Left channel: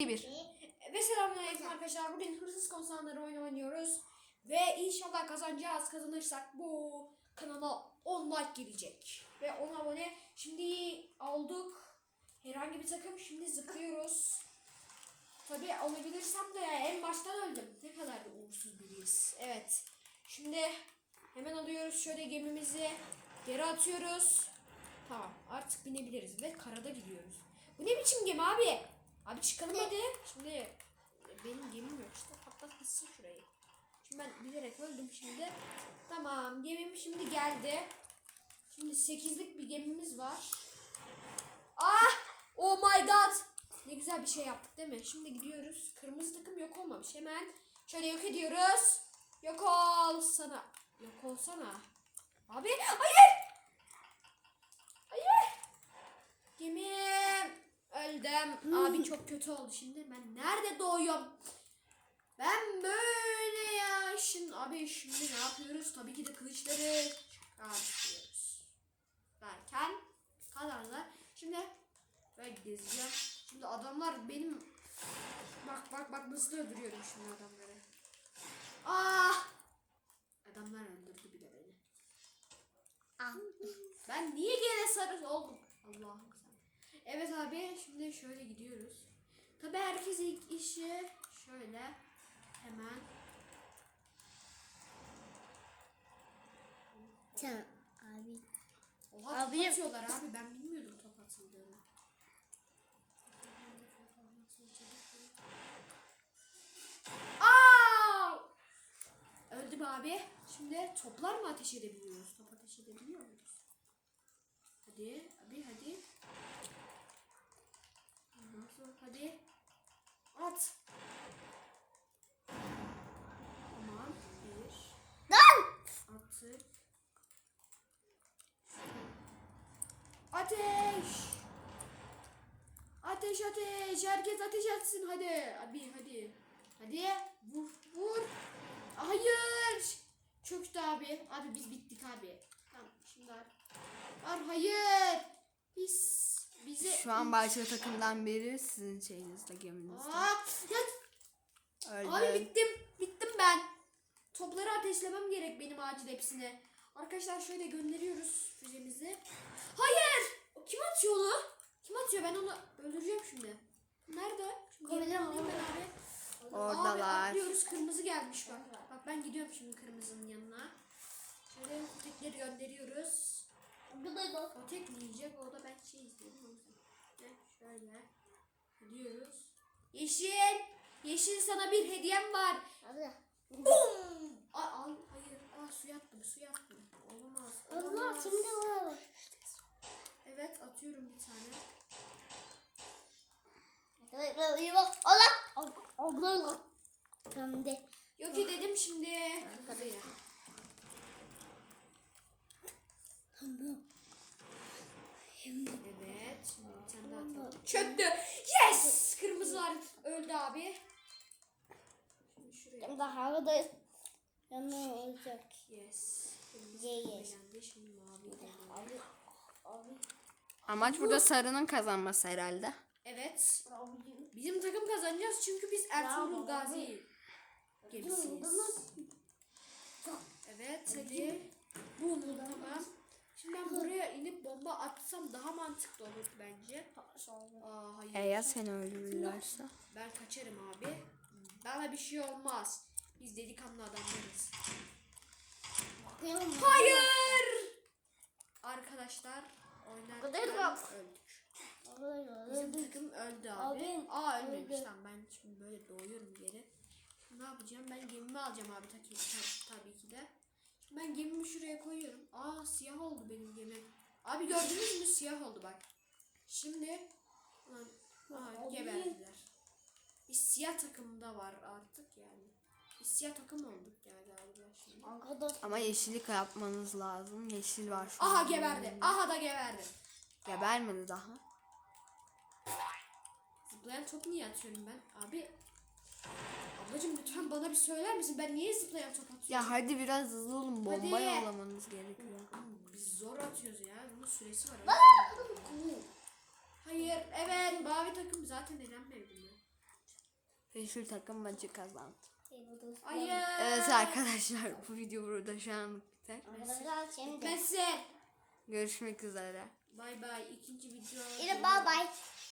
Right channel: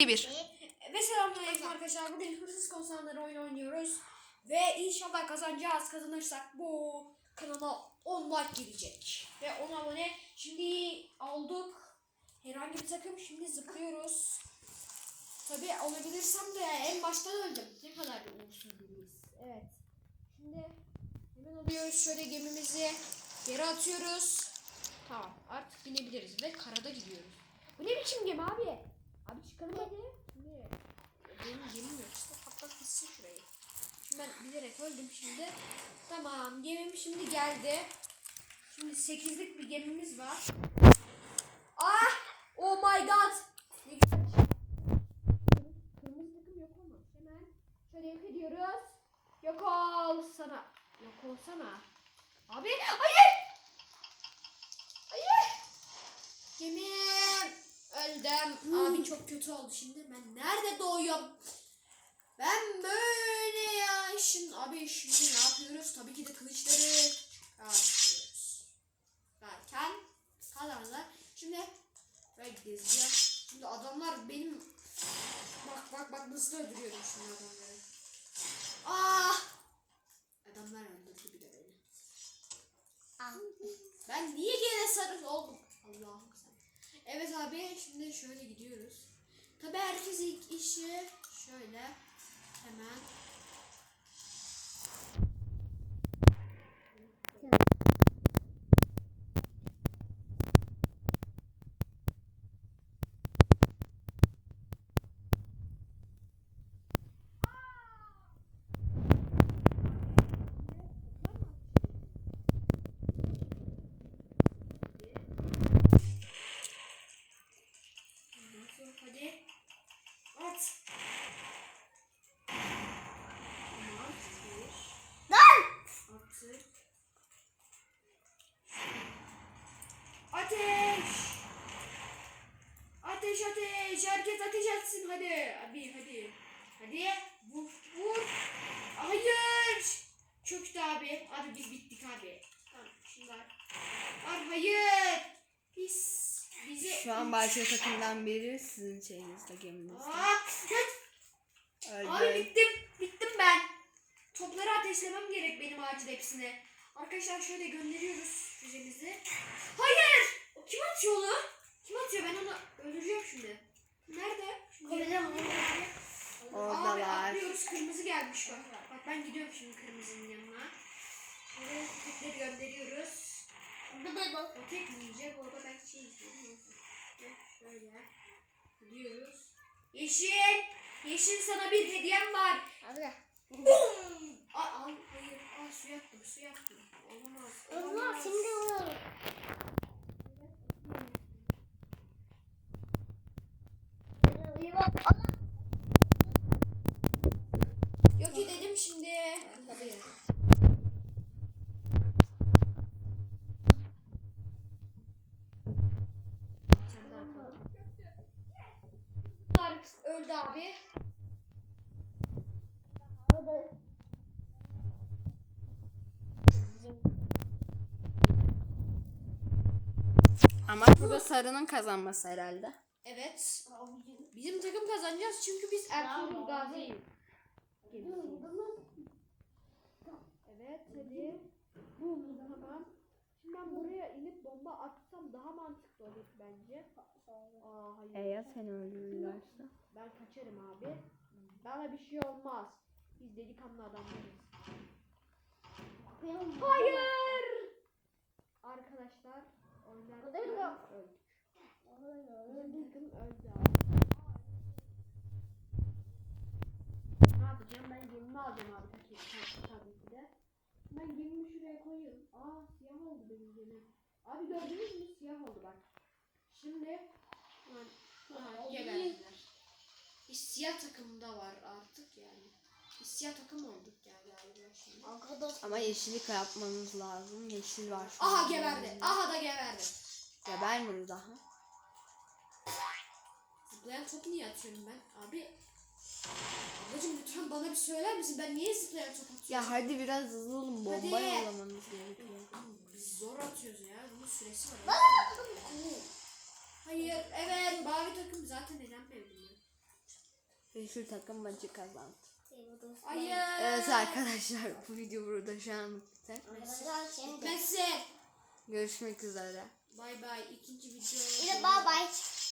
Bir. Ve selamünaleyküm arkadaşlar. Bugün hırsız konsanları oyun oynuyoruz. Ve inşallah kazanacağız. Kazanırsak bu kanala 10 like gelecek. Ve 10 abone. Şimdi olduk. Herhangi bir takım. Şimdi zıplıyoruz. Tabi olabilirsem de en baştan öldüm. Ne kadar da uğursuz biriyiz. Evet. Şimdi hemen alıyoruz şöyle gemimizi. Geri atıyoruz. Tamam artık binebiliriz ve karada gidiyoruz. Bu ne biçim gemi abi? Abi çıkalım hadi. Şimdi benim gemim yok işte patlat gitsin şurayı. Şimdi ben bilerek öldüm şimdi. Tamam gemim şimdi geldi. Şimdi 8'lik bir gemimiz var. Ah! Oh my god! Ne güzel bir şey yaptık değil mi? Şimdi gidiyoruz. Kırmızı takım yok olmamış. Hemen şöyle yok ediyoruz. Yok ol sana. Yok olsana. Abi hayır! Hayır! Gemim öldüm. Abi çok kötü oldu şimdi. Ben nerede doğuyorum? Ben böyle ya işin abi şimdi ne yapıyoruz? Tabii ki de kılıçları çıkartıyoruz. Derken kazanlar. Şimdi ben gezeceğim. Şimdi adamlar benim bak bak bak nasıl öldürüyorum şimdi adamları. Ah! Adamlar öldürdü bir de beni. Ben niye gene sarı oldum? Evet abi şimdi şöyle gidiyoruz. Tabi herkes ilk işi şöyle hemen Oha Abi- atıyorlar abi ben bilmiyordum top atıldığını. Aa! Öldüm abi. Şimdi toplar mı ateş edebiliyoruz? Top ateş edebiliyor muyuz? Hadi. Hadi. At. Tamam. Bir. Attık. Ateş! Ateş ateş! Herkes ateş etsin hadi. Abi hadi. Hadi. Vur vur. Hayır. Çöktü abi. Abi biz bittik abi. Tamam şunlar. Var hayır. Biz bize Şu an başka takımdan biri sizin şeyinizde geminizde. Aa, evet. Abi Öldü. bittim. Bittim ben. Topları ateşlemem gerek benim acil hepsine. Arkadaşlar şöyle gönderiyoruz füzemizi. Hayır! O Kim atıyor onu? Kim atıyor? Ben onu öldüreceğim şimdi. Nerede? Nerede? Oradalar. Abi atlıyoruz. Kırmızı gelmiş bak. Bak ben gidiyorum şimdi kırmızının yanına. Şöyle tekleri gönderiyoruz. O tek yiyecek? Orada ben şey izliyorum. Gidiyoruz. Yeşil! Yeşil sana bir hediyem var. Bum! Aa, al, hayır. Aa, su yaptım, su yaptım. Olamaz. olamaz. Evet, atıyorum bir tane. Yok edelim şimdi. Kırmızıya. Evet. Şimdi bir tane daha atalım. Çöktü. Yes! Kırmızılar öldü abi. Şuraya. Yes. Kırmızı Yes. elendi, şimdi mavi. Amaç burada sarının kazanması herhalde. Evet. Bizim takım kazanacağız çünkü biz Ertuğrul Gazi gemisiyiz. Evet hadi. Bu tamam. Şimdi ben buraya inip bomba atsam daha mantıklı olur bence. Aa hayır. Eğer seni öldürürlerse. Ben kaçarım abi. Bana bir şey olmaz. Biz delikanlı adamlarız. Hayır! Arkadaşlar oynarken öldük. Bizim takım öldü abi. Aa ölmemiş tamam ben şimdi böyle doğuyorum geri. Ne yapacağım ben gemimi alacağım abi tabii, tabii, tabii ki de. Şimdi ben gemimi şuraya koyuyorum. Aa siyah oldu benim gemim. Abi gördünüz mü siyah oldu bak. Şimdi lan, aha, geberdiler. Biz siyah takımda var artık yani. Biz siyah takım olduk yani galiba şimdi. Ama yeşillik yapmanız lazım. Yeşil var şu Aha geberdi. Aha da geberdi. Gebermedi daha. Zıplayan top niye atıyorum ben? Abi Ablacım lütfen bana bir söyler misin? Ben niye zıplayan top atıyorum? Ya hadi biraz hızlı olun. Bomba Hadi. yollamanız gerekiyor. Biz zor atıyoruz ya. Bunun süresi var. Hayır, evet. Mavi takım zaten elenmedi mi? Yeşil takım maçı kazandı. Hayır. Evet arkadaşlar bu video burada şu anlık biter. Bitmesin. Görüşmek üzere. Bay bay. İkinci video. Bye bye.